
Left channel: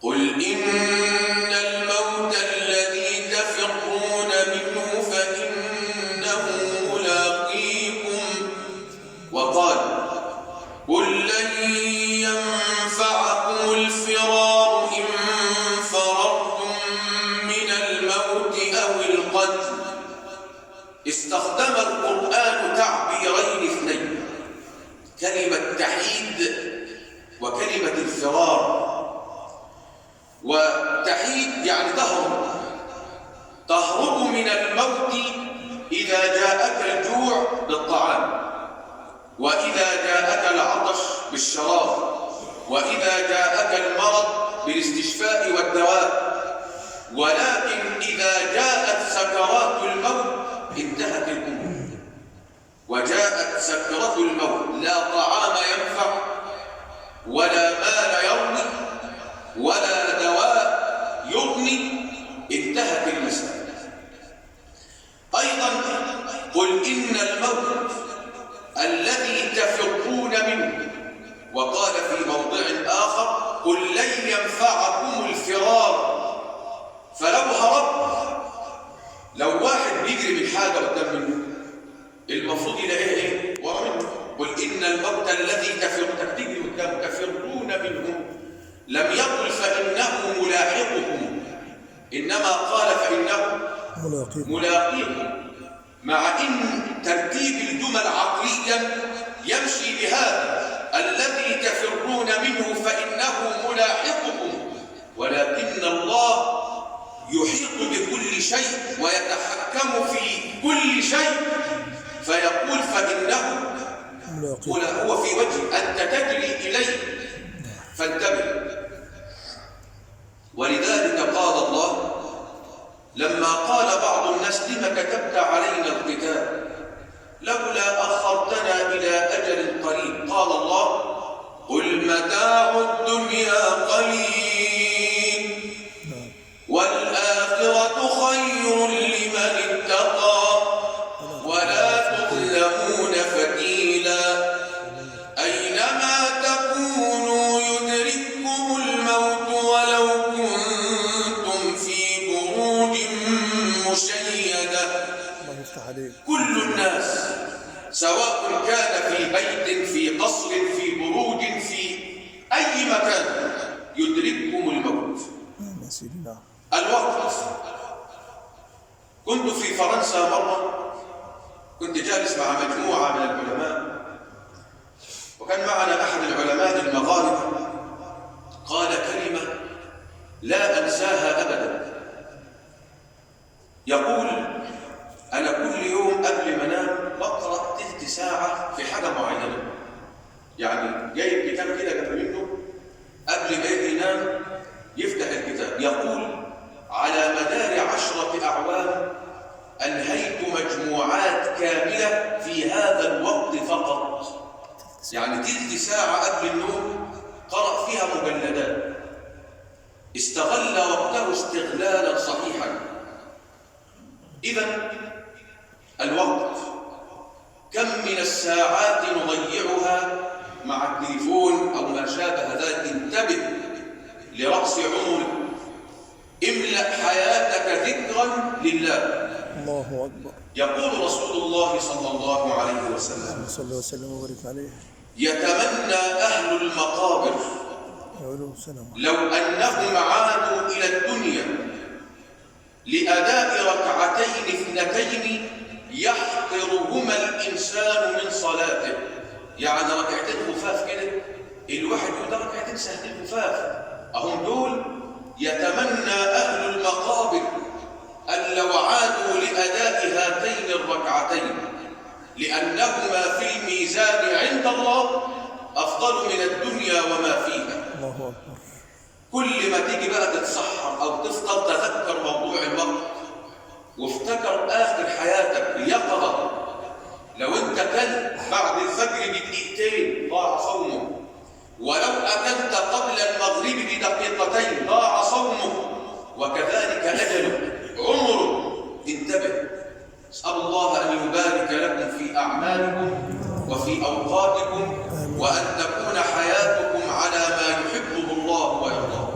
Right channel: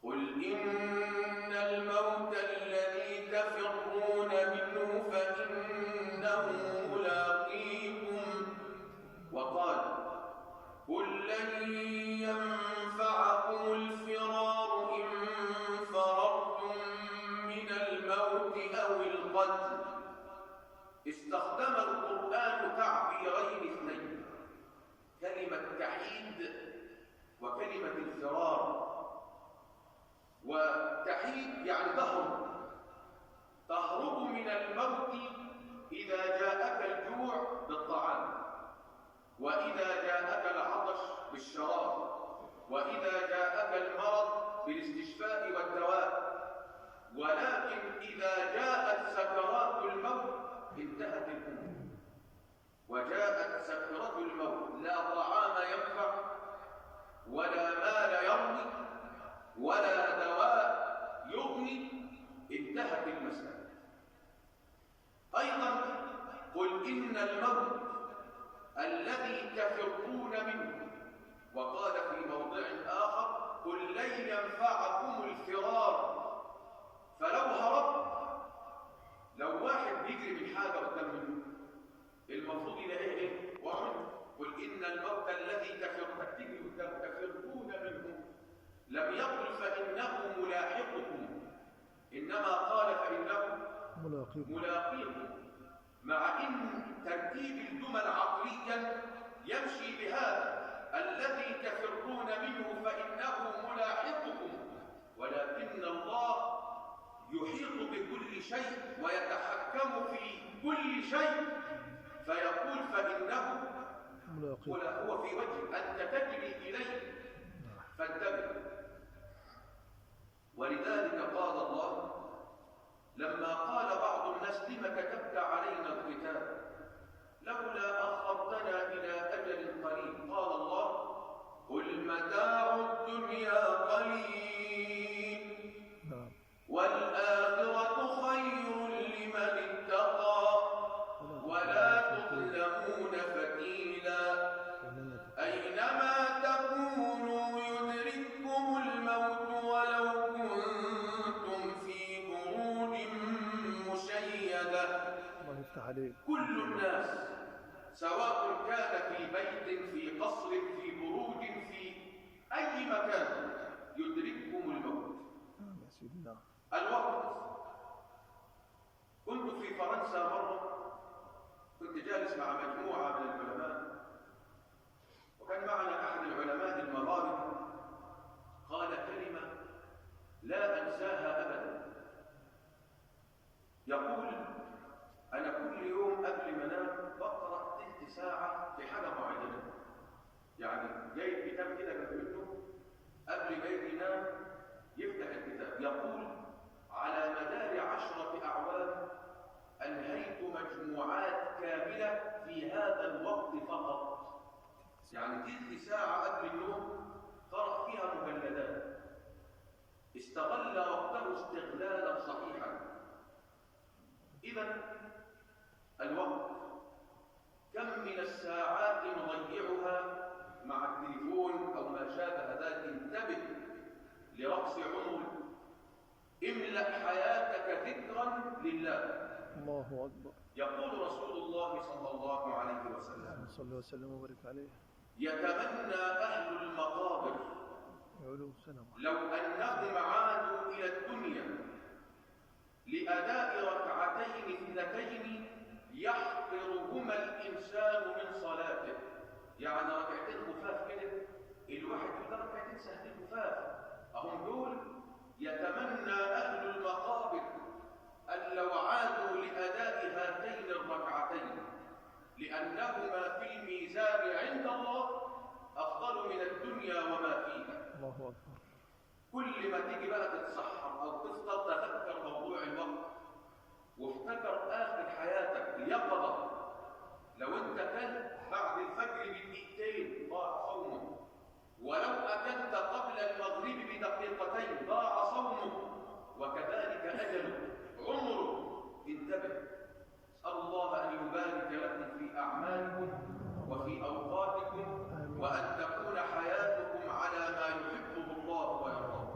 قل إن الموت الذي تفرون منه فإنه ملاقيكم. وقال: قل لن ينفعكم الفرار إن فررتم من الموت أو القتل. استخدم القرآن تعبيرين اثنين: كلمة تحيد وكلمة الفرار. وتحيد يعني تهرب من الموت إذا جاءك الجوع بالطعام، وإذا جاءك العطش بالشراب، وإذا جاءك المرض بالاستشفاء والدواء. ولكن إذا جاءت سكرات الموت انتهت الأمور. وجاءت سكرة الموت لا طعام ينفع ولا مال يرضي ولا دواء يغني، انتهت المسألة. أيضا قل إن الموت الذي تفرون منه. وقال في موضع آخر: قل لن ينفعكم الفرار. فلو هربت، لو واحد بيجري من حاجة قدام منه، المفروض يلاقيه ايه؟ ورا منه. قل إن الموت الذي تجري قدام تفرون منه لم يقل فإنه ملاحقكم، إنما قال فإنه ملاقيكم، مع إن ترتيب الجمل عقليا يمشي بهذا: الذي تفرون منه فإنه ملاحقكم. ولكن الله يحيط بكل شيء ويتحكم في كل شيء، فيقول فإنه هو في وجه أنت تجري إليه، فانتبه. ولذلك قال الله لما قال بعض الناس: لم كتبت علينا القتال لولا أخرتنا إلى أجل قريب؟ قال الله: قل متاع الدنيا قليل والآخرة خير لمن اتقى ولا تظلمون فتيلا. أينما تكونوا يدرككم الموت ولو كنتم في بروج مشيدة. كل الناس سواء كان في بيت، في قصر، في بروج، في أي مكان، يدرككم الموت. الوقت. كنت في فرنسا مرة، كنت جالس مع مجموعة من العلماء، وكان معنا أحد العلماء المغاربة قال كلمة لا أنساها أبدا. يقول: أنا كل يوم قبل ما أنام بقرأ تلت ساعة في حاجة معينة، يعني جايب كتاب كده جنب منه، قبل ما يجي ينام يفتح الكتاب. يقول: على مدار 10 أعوام أنهيت مجموعات كاملة في هذا الوقت فقط، يعني تلت ساعة قبل النوم قرأ فيها مجلدات. استغل وقته استغلالا صحيحا. إذن الوقت كم من الساعات نضيعها مع التليفون أو ما شابه ذلك. انتبه لرأس عمرك، املأ حياتك ذكرا لله. الله أكبر. يقول رسول الله صلى الله عليه وسلم: صلى الله وسلم وبارك عليه: يتمنى أهل المقابر لو أنهم عادوا إلى الدنيا لأداء ركعتين اثنتين يحقرهما الإنسان من صلاته. يعني ركعتين خفاف كده، الواحد يقول ده ركعتين سهلين خفاف، أهم دول. يتمنى أهل المقابر أن لو لو عادوا لأداء هاتين الركعتين لأنهما في الميزان عند الله أفضل من الدنيا وما فيها. الله أكبر. كل ما تيجي بقى تتسحر أو تفطر تذكر موضوع الوقت وافتكر آخر حياتك اليقظة. لو أنت كلت بعد الفجر بدقيقتين ضاع صومه، ولو أكلت قبل المغرب بدقيقتين ضاع صومه، وكذلك أجله عمره. انتبه، اسأل الله أن يبارك لكم في أعمالكم وفي أوقاتكم، وأن تكون حياتكم على ما يحبه الله ويرضاه.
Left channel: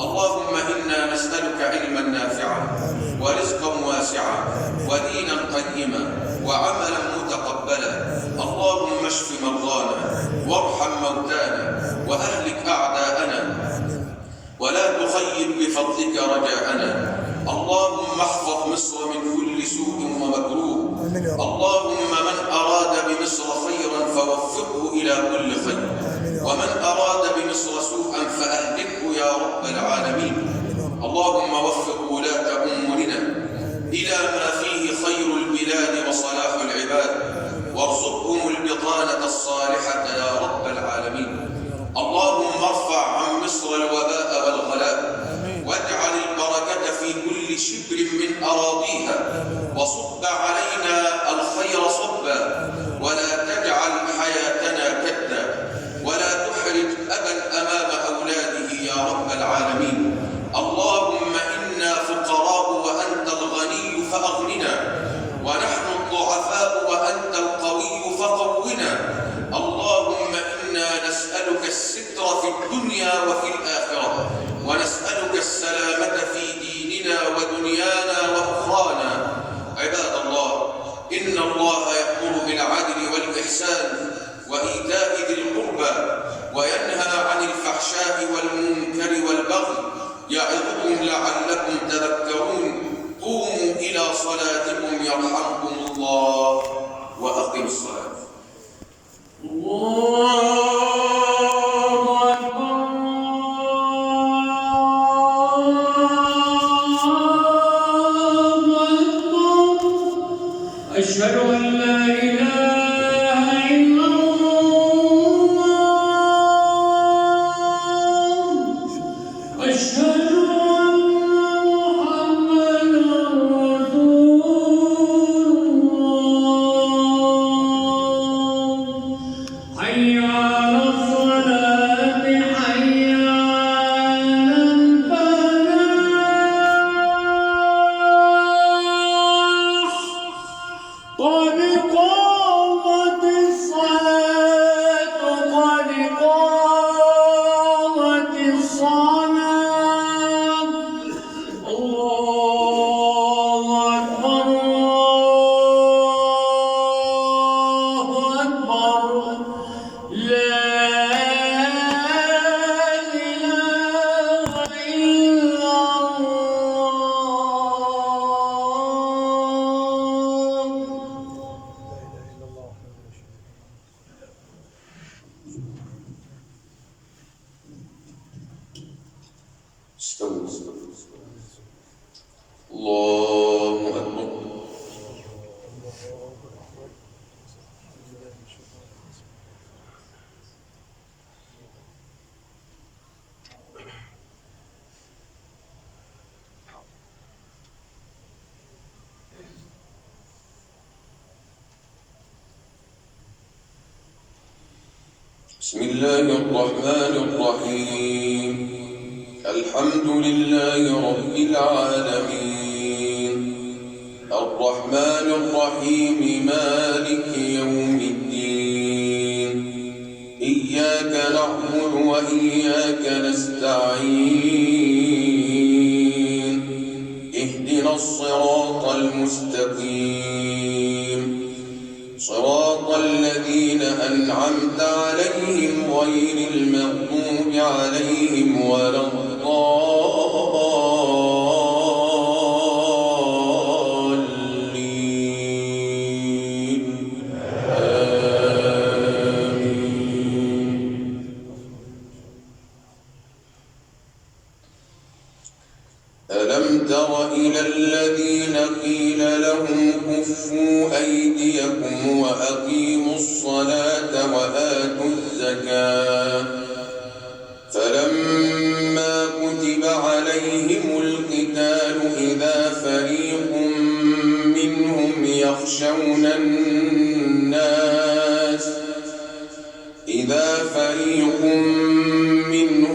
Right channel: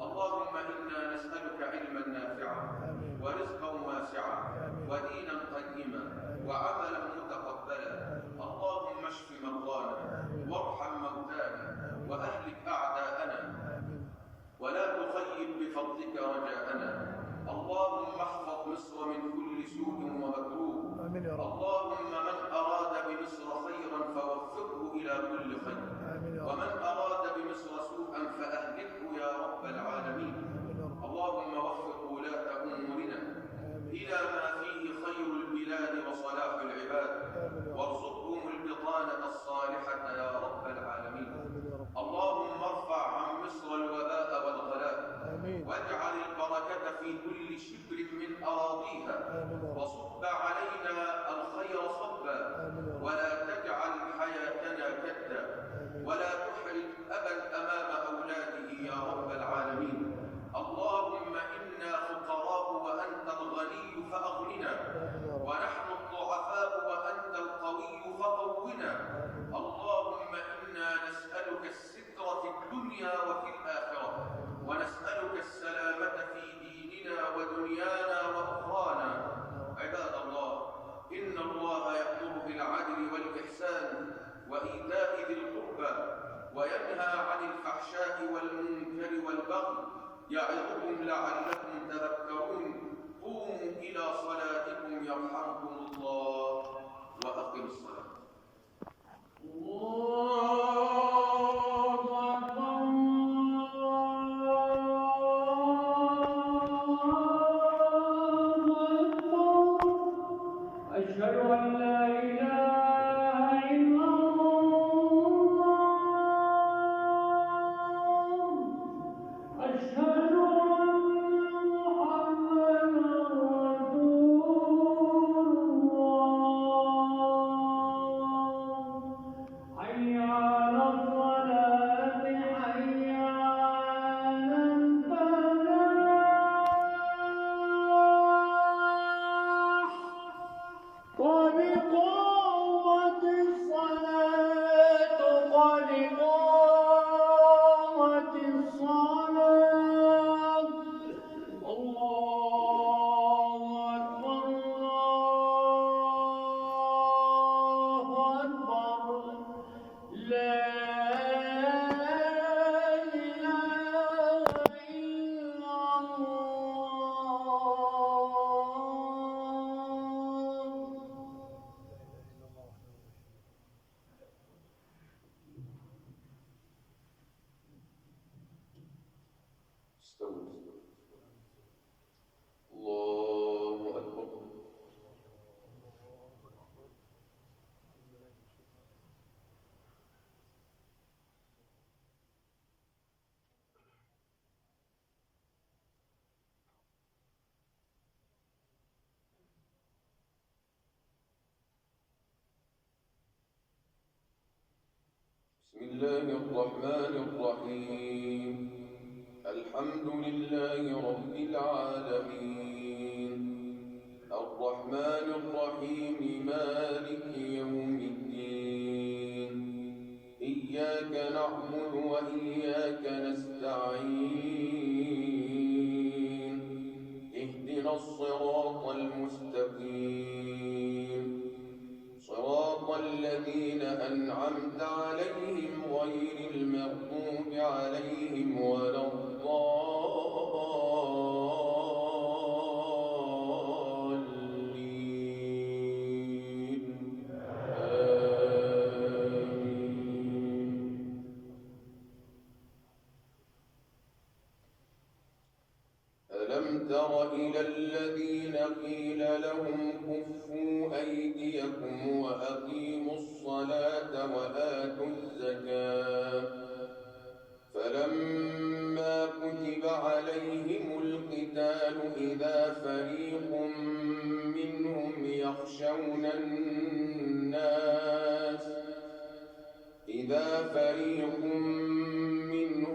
اللهم إنا نسألك علما نافعا ورزقا واسعا ودينا قيما وعملا متقبلا. اللهم اشف مرضانا وارحم موتانا وأهلك أعداءنا ولا تخيب بفضلك رجاءنا. اللهم احفظ مصر من كل سوء ومكروه. اللهم من أراد بمصر خيرا فوفقه إلى كل خير، ومن أراد بمصر سوءا فأهلكه يا رب العالمين. اللهم وفق ولاة أمورنا إلى ما فيه خير البلاد وصلاح العباد، وارزقهم البطانة الصالحة يا رب العالمين. اللهم ارفع عن مصر الوباء والغلاء، واجعل البركة في كل شبر من أراضيها، وصب علينا الخير صبا، ولا تجعل حياتنا كدا، ولا تحرج أبا أمام أولاده يا رب العالمين. اللهم إنا فقراء وأنت الغني فأغننا، ونحن الضعفاء وأنت القوي فقونا. اللهم إنا نسألك الستر في الدنيا وفي الآخرة، ونسألك السلامة في ديننا ودنيانا وأخرانا. عباد الله، إن الله يأمر بالعدل والإحسان وإيتاء ذي القربى، وينهى عن الفحشاء والمنكر والبغي، يعظكم لعلكم تذكرون. قوموا إلى صلاتكم يرحمكم الله، وأقم الصلاة. أشهد أن لا إله إلا الله، أشهد أن محمدا رسول الله. حي على الصلاة، حي على الفلاح، قد قامت الصلاة، قد قامت الصلاة. الله أكبر، الله أكبر، لا إله إلا الله. استووا استووا. الله أكبر. بسم الله الرحمن الرحيم. الحمد لله رب العالمين، الرحمن الرحيم، مالك يوم الدين. إياك نعبد وإياك نستعين. اهدنا الصراط المستقيم، صراط الذين أنعمت عليهم غير المغضوب عليهم ولا الضالين. آمين. ألم تر إلى الذين قيل لهم كفوا أيديكم وأقيموا الصلاة وآتوا الزكاة فلما كتب عليهم القتال إذا فريق منهم يخشون الناس